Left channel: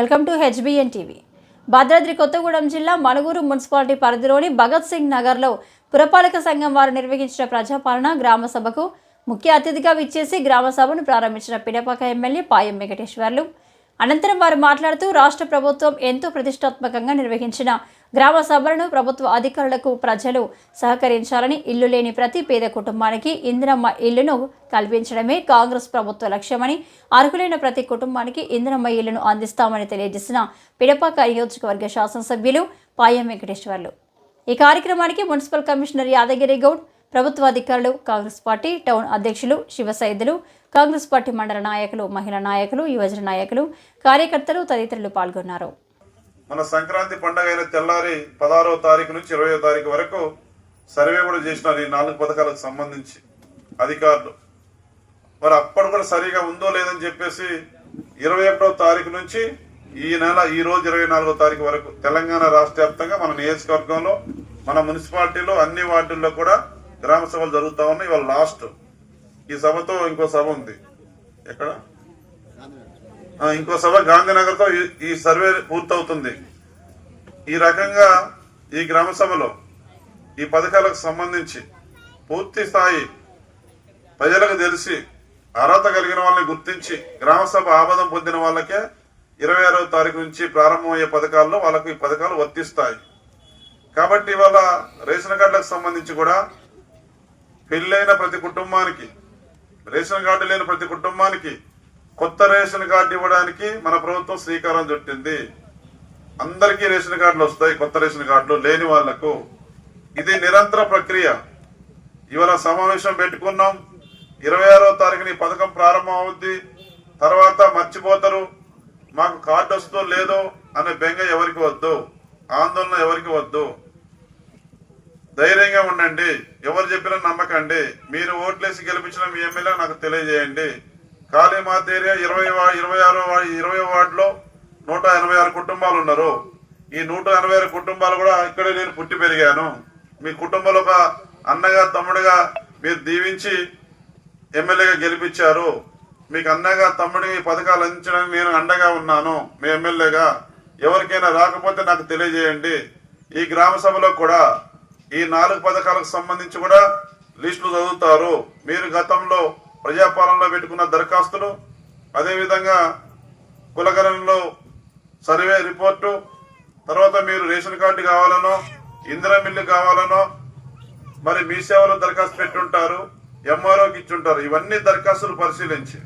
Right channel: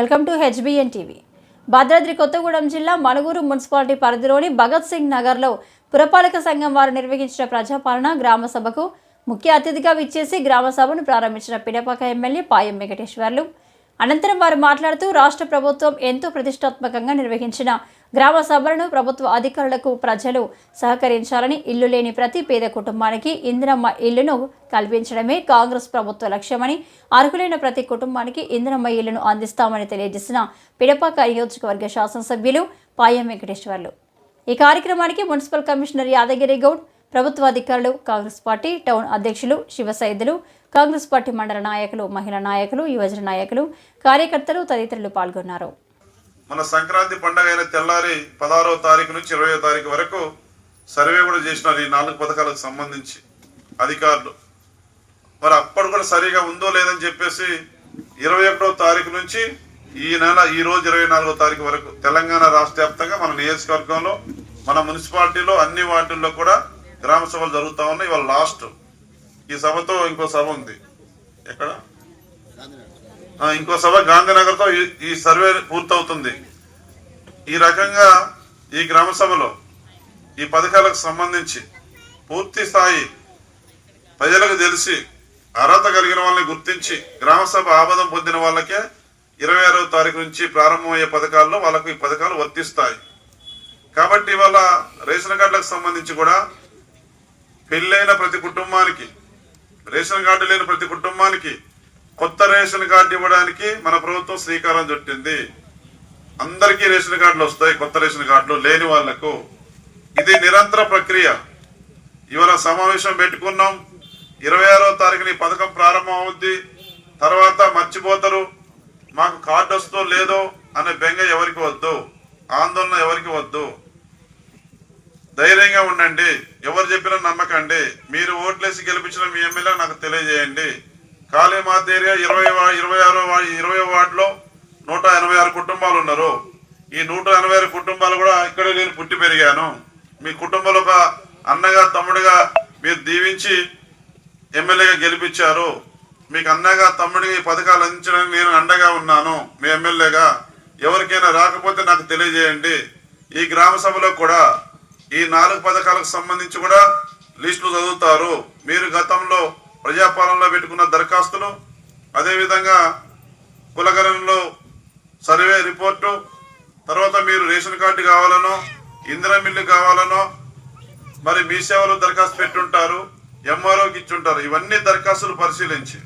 Welcome to HBN TV. Bhadradri Kothagudem జిల్లా Manuguru municipality పరిధిలోని భగత్ సింగ్ నగర్లో పురపాలక సంఘం వారు నిర్వహించిన ప్రజాపాలన గ్రామ సభకు ముఖ్య అతిథిగా విచ్చేసి గ్రామ సభను ప్రారంభించిన పిడపాక ఎమ్మెల్యే పాయం వెంకటేశ్వర్లు. అనంతరం వారు మాట్లాడుతూ రాష్ట్ర ప్రభుత్వం ఎంతో ప్రతిష్టాత్మకంగా నిర్వహించిన గ్రామ సభలను ప్రభుత్వ అధికారులకు ప్రజలు సహకరించాలని, ఇల్లు లేని ప్రతి పేద కుటుంబానికి ఇందిరమ్మ ఇల్లును కల్పించడమే కాంగ్రెస్ ప్రభుత్వ లక్ష్యమని, అర్హులైన ప్రతి కుటుంబానికి ఇందిరమ్మ ఇల్లును అందిస్తామని తెలియజేసిన పిడపాక నియోజకవర్గ శాసనసభ్యులు పాయం వెంకటేశ్వర్లు. ఈ కార్యక్రమానికి మున్సిపల్ కమిషనర్ యాదగిరి గౌడ్, ప్రభుత్వ అధికారులు, కాంగ్రెస్ పార్టీ టౌన్ అధ్యక్షులు శివసైదులు, కాంగ్రెస్ పార్టీ మండల నాయకులు, మహిళా నాయకులు, యువజన నాయకులు, కార్యకర్తలు తదితరులు పాల్గొన్నారు. మన సంక్రాంతి పండుగ అయిన తెల్లారి 16వ తారీఖు నుంచి 20వ తారీఖు వరకు సర్వే కూడా చేసినారు ఈ 4 పథకాలకు సంబంధించి అధికారులు. మరి అప్పుడు కూడా సరిగా ఉందో లేదని చెప్పేసి 21వ తారీఖు నుంచి ఈ రోజు 24వ తారీఖు వరకు తెలంగాణ రాష్ట్ర వ్యాప్తంగా మన నియోజకవర్గంలో, మన మున్సిపాలిటీలో అన్ని వార్డుల్లో కూడా గ్రామ సభలు జరుగుతూ ఉన్నాయి. ఇవాళ లాస్ట్ ఈ సభతో ఇంకో సభ ఉంది. ఎక్కడ? ఇంకో సభ గాంధీనగర్తో ఈ సర్వే పూర్తవుతుంది. ఈ రకంగా ఈ గ్రామ సభలో ఈ పథకాలకు సంబంధించి పూర్తి స్థాయి ప్రజలకు తెలిసి అర్హత కలిగిన వాళ్ళని గుర్తించి గ్రామ సభ ఆమోదం పొందిన వాళ్ళకే 26వ తారీఖు నుంచి ప్రారంభమయ్యే పథకాల్లో వాళ్ళకు ఈ పథకాలు వర్తిస్తాయి. కాబట్టి ఇవాళ రేషన్ కార్డులకు సంబంధించి కూడా పెళ్ళైన ప్రతి కుటుంబానికి, రేషన్ కార్డు లేని ప్రతి కుటుంబానికి కొత్త రేషన్ కార్డు ఇవ్వడానికి మన ప్రభుత్వం శ్రీకారం చుట్టింది. అందరికీ రేషన్ కార్డులు వస్తాయి, కొత్త రేషన్ కార్డులు లేని వాళ్లకు. ఇది నిరంతర ప్రక్రియ. ఇవాళ సమావేశం పెట్టుకున్నాం, 26వ తారీఖున ఈ పథకం ప్రారంభం అవుద్ది. తర్వాత మర్చిపోతారు, మాకు కార్డు వస్తుందో లేదో అనే బెంగ ఎవరికి వద్దు, ఆందోళన ఎవరికి వద్దు. ధైర్యంగా ఉండండి, ఎవరు చెప్పినా నమ్మకండి. మీరు ఓట్లేసి గెలిపించిన మీ ఎమ్మెల్యే నాకు తెలియజేయండి. కాళీమాత ఏరియా 20వ వార్డులో 186 కుటుంబాలు ఉన్నారు. ఈ 186 కుటుంబాలు కూడా ఇక్కడే నేను పుట్టి పెరిగాను. మీ కుటుంబంలో ఒక అన్నగా తమ్ముడిగా మీరు దీవించి ఎమ్మెల్యేగా గెలిపించారు. మీకు అన్నగా తమ్ముడిగా ఈ పథకాలు అందించడానికి నేను అండగా ఉన్నాను మీ ఎమ్మెల్యేగా. ఎవరికైనా రాకపోతే నాకు తెలియజేయండి. ఈ గ్రామ సభలో కూడా ఈ 4 పథకాలకు సంబంధించి కూడా లిస్టులు చదువుతారు. మీరు గతంలో ప్రజాపాలనలో పెట్టుకున్న దరఖాస్తులు, అదేవిధంగా కులగణంలో సర్వే రిపోర్టు, తర్వాత మీరు రేషన్ కార్డు కావాలనో, ఇందిరా మిల్లు కావాలనో, మరి మీ సేవలో దరఖాస్తు పెట్టుంటారు, ఎంఆర్ఓకి ఇచ్చుంటారు. ఇవన్నీ దరఖాస్తులు పరిశీలించి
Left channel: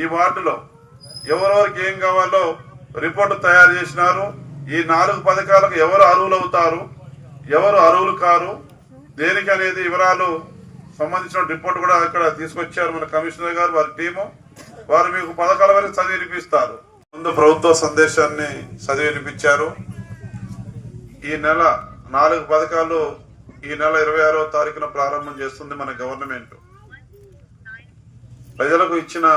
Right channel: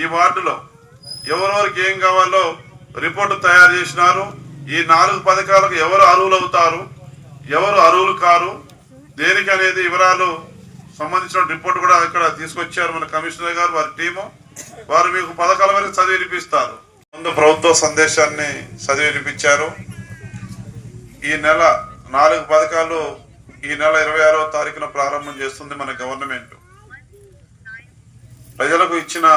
ఈ వార్డులో ఎవరెవరికి ఏం కావాలో రిపోర్టు తయారు చేసినారు. ఈ 4 పథకాలకు ఎవరు అర్హులు అవుతారు, ఎవరు అర్హులు కారు, దేనికి అనేది వివరాలు సంబంధించిన రిపోర్ట్ కూడా ఇక్కడ తీసుకొచ్చారు మన కమిషనర్ గారు, వారి టీము. వారు మీకు పథకాల వరకు చదివి వినిపిస్తారు. ముందు ప్రభుత్వ సందేశాన్ని చదివి వినిపించారు. ఈ నెల 4 పథకాలు ఈ నెల 26వ తారీఖున ప్రారంభం చేస్తుంది మన గవర్నమెంట్. ప్రజలకు ఇచ్చిన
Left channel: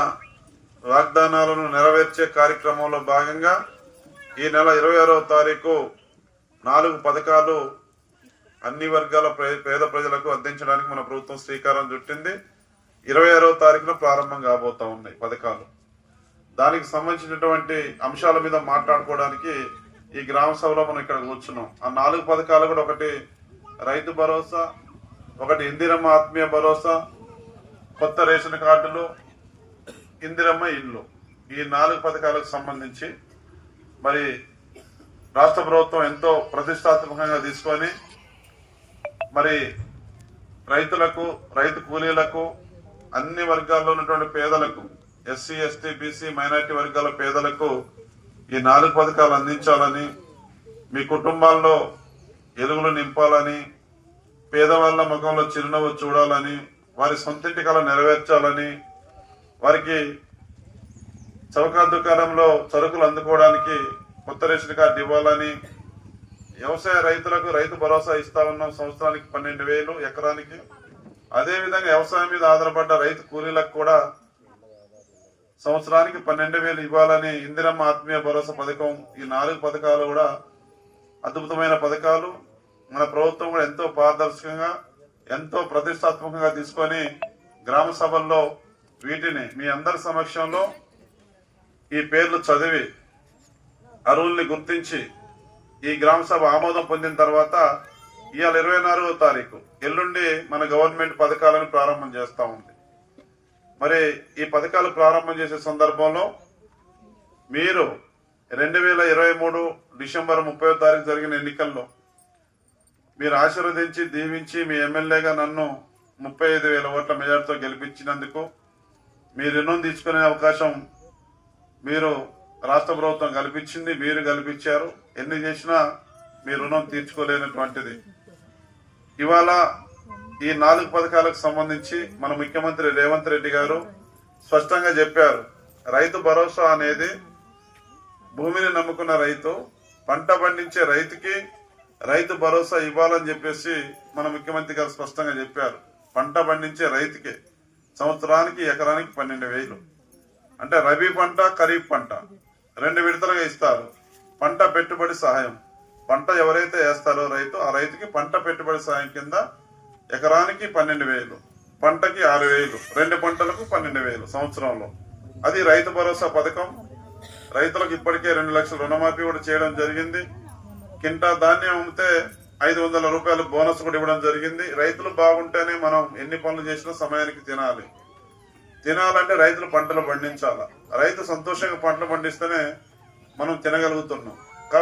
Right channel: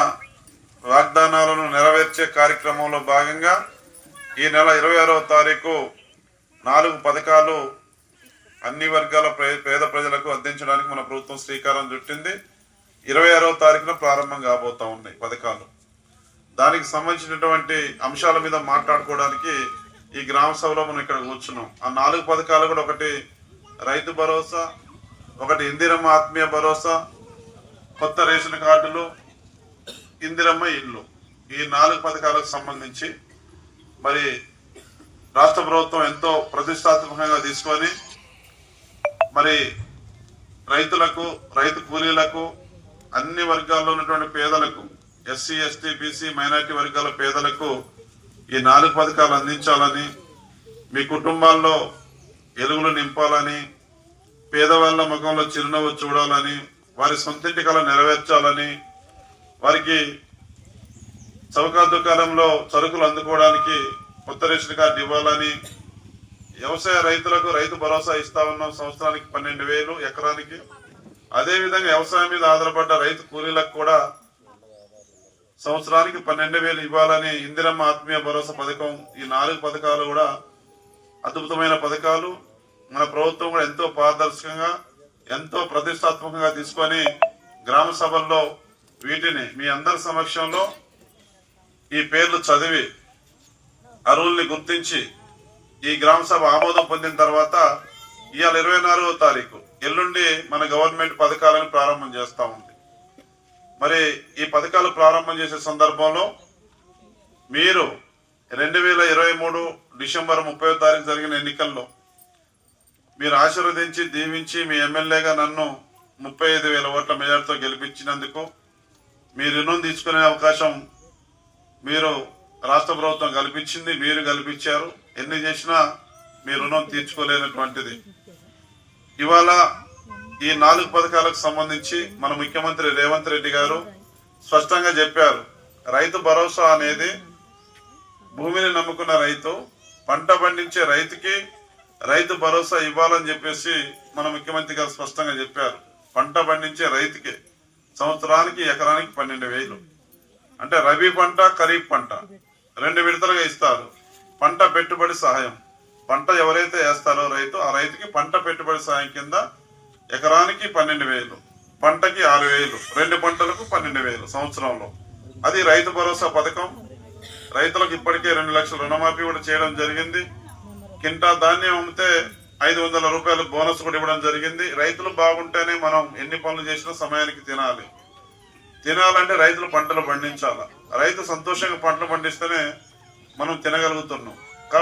వాగ్దానాలను నెరవేర్చే కార్యక్రమంలో భాగంగా ఈ నెల 26వ తారీఖు 4 పథకాలు అన్ని వర్గాల పేద ప్రజలకు అందించడానికి మన ప్రభుత్వం శ్రీకారం చుట్టింది. 26వ తారీఖున ప్రారంభం కాబోతా ఉన్నాయి పథకాలు. దానికి సంబంధించినటువంటి అంశాల మీద మాట్లాడుకోవడానికి ఈ గ్రామ సభలో మనం ఇక్కడ కూర్చున్నాం. ఆ 4 పథకాలు కూడా, ఒకటి రైతు భరోసా, ఒకటి ఇందిరమ్మ ఆత్మీయ భరోసా, కొత్త రేషన్ కార్డులు, ఇందిరమ్మ ఇల్లు. ఈ 4 పథకాలకు సంబంధించి మరి రాష్ట్ర ప్రభుత్వం ఎంతో ప్రతిష్టాత్మకంగా తీసుకొని మరి రైతులకు, రైతు కూలీలకు, అన్ని వర్గాల్లో ఉన్నటువంటి పేదలకు, ఎస్సీ, ఎస్టీ, బీసీ, మైనార్టీ వర్గాల పేదలకు ఈ 4 పథకాలు అందించాలని, మీ కుటుంబాల్లో ఎలుగులు నింపాలని, పేదవాళ్ళ ముఖంలో చిరునవ్వు చూడాలని, వారి సొంతింటి కళ నెరవేర్చాలని, వారికి చౌక దుకాణంలో సరుకులు అందుకోవడానికి కొత్త రేషన్ కార్డు ఇవ్వాలని, వ్యవసాయ రైతులకు రైతు భరోసా ఇస్తా ఉన్నాం సంవత్సరానికి 12,000 ఎకరానికి. అదేవిధంగా వ్యవసాయం మీద ఆధారపడ్డ రైతు కూలీలకు కూడా సంవత్సరానికి 12,000 ఇవ్వాలని ఇందిరమ్మ ఆత్మీయ భరోసా పథకం. ఈ 4 పథకాలు కూడా అద్భుతమైన పథకాలు. మన ప్రభుత్వం కూడా ఎంతో పారదర్శకంగా, ఎంతో ప్రతిష్టాత్మకంగా తీసుకొని గ్రామ సభల్లో వీటిని మీ అందరి సమక్షంలో ఈ పేర్లు చదివి అర్హుల్ని గుర్తించి ఈ గ్రామ సభ ఆమోదం పొందిన తర్వాత ఇవాళ 24వ తారీఖు ఎల్లుండి మన గవర్నమెంట్ పథకాలను ప్రారంభం చేస్తూ ఉంది. మరి ఈ పథకాలు ప్రారంభం చేసే సందర్భంలో మీరు 2023 డిసెంబర్ 30వ తారీఖు జరిగిన ఎన్నికల్లో మీరు ఆశీర్వదించి దీవించి మీ ఎమ్మెల్యేగా నన్ను 35,000 ఓట్ల మెజార్టీతో గెలిపించినందుకు మీ రుణం తీసుకునే అవకాశం మీరు రాష్ట్ర ప్రభుత్వం కల్పించింది, మీరు కల్పించారు. ఎన్ని చేసినా మీ రుణం తీర్చుకోలేనటువంటిది. ఇవాళ ఈ 4 పథకాలకు సంబంధించి మన ముఖ్యమంత్రి రేవంత్ రెడ్డి గారు స్పష్టంగా చెప్పారు. రైతు భరోసా అనేది భూమిని నమ్ముకున్న రైతు, పంట పండించే రైతుకి రైతు భరోసా ఇవ్వాలని చెప్పేసి మన ముఖ్యమంత్రి గారు స్పష్టంగా చెప్పారు. పంట పండించే రైతుకి సంవత్సరానికి ఎకరానికి 12,000, అంటే రబీ పంట ఖరీఫ్ పంట 2 విడతలుగా ఇస్తారు. పంట పెట్టుబడి సహాయం, పంట ఎవరైతే వేస్తారో రైతు, ఆ రైతుకి పంట పెట్టుబడి సహాయం కింద ఎకరానికి 12,000, పంటకి 6,000, 2 పంటలకు 12,000 సంవత్సరంలో. అది రైతు భరోసా పథకం. రైతులకు ఇప్పటికే 2 లక్షల రుణమాఫీ కూడా చేయడం జరిగింది. కింటా ధాన్యం అమ్మితే 500 రూపాయలు బోనస్ కూడా ఇవ్వడం జరిగింది. రైతులు బాగుంటేనే మనం ఎన్ని పనులు చేసినా సమయానికి తినాలంటే రైతులు పంటలు పండించాలి. రైతు సంతోషంగా పంటలు పండిస్తేనే మనం తినగలుగుతున్నాం.